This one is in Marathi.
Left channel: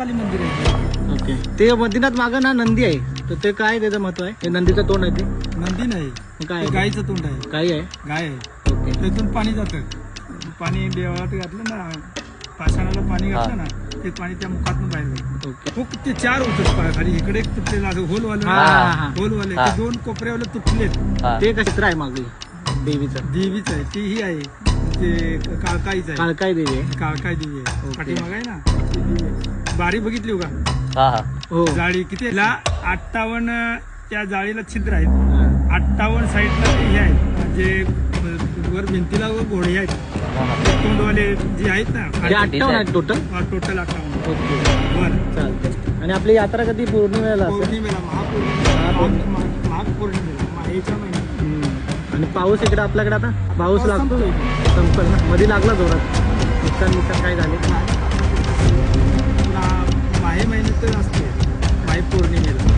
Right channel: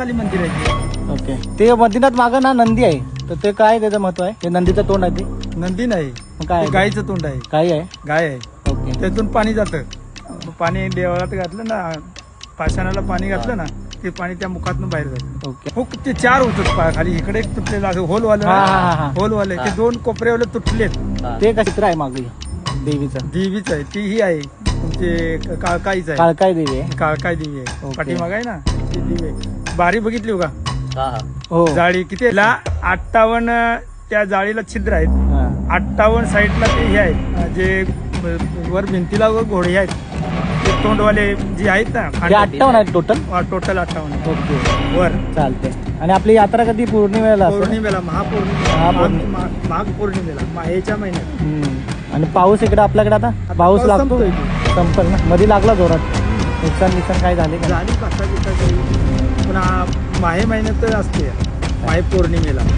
महाकाली मंदिर आहे ते. ओके. ते मदिनात मागं ना नंदी आहे, तर ते काय त्याचं महत्व आहे? हे नंदीचं तोंड आहे ते नंदी नाही, मग काय ते आहे? गाईचं तोंड आहे. काय आहे? गाय आहे, ओके. त्यातून पाणी जातं. पाणी देवळात घातलं ना, पाषाणाला पाणी घातलं ना, ते पाणी त्या मुखातून बाहेर जातं. ओके. हो, ते 4 होतं खाली. इकडे एक तुटलेलं असं होलवालं, हा हा हा होलवाले ते 2 कोपऱ्यावाले तुटलेत. ते का चित्र आहे मागे देवीचं? देवीच आहे ती, ही आहे ते काळकाईच आहे. काळकाय देवी आहे. काळकाई देवी आहे. ओके. पाठीमाग आहे ना ती देवी आहे. बारी बघितली का? हो. जाळी किती आहे? 58 त्या जाळीला छिद्र आहेत. हा. 58 साईडला ते हे आहेत, जे वर भिंतीला घोडे आहेत, ते तोंडवाले जे आहेत ना, ते 58 आहे टोटल. Total 58 okay. वर. चालतंय. आणि आपली यात्रा कधी पौर्णिमेला असते? पौर्णिमेला, महापौर्णिमा. माघ पौर्णिमेला, माहेच्या महिन्यात. आणि पाऊस इकडे आपल्याकडे आता पाऊस लागतो, संपतोय. संपल ना, मध्ये लागला जोरात. नुकसान काय झाले का? झाली 5-6 दिवसाची. पुन्हा माहे महिन्यात असते, माहे पौर्णिमेला.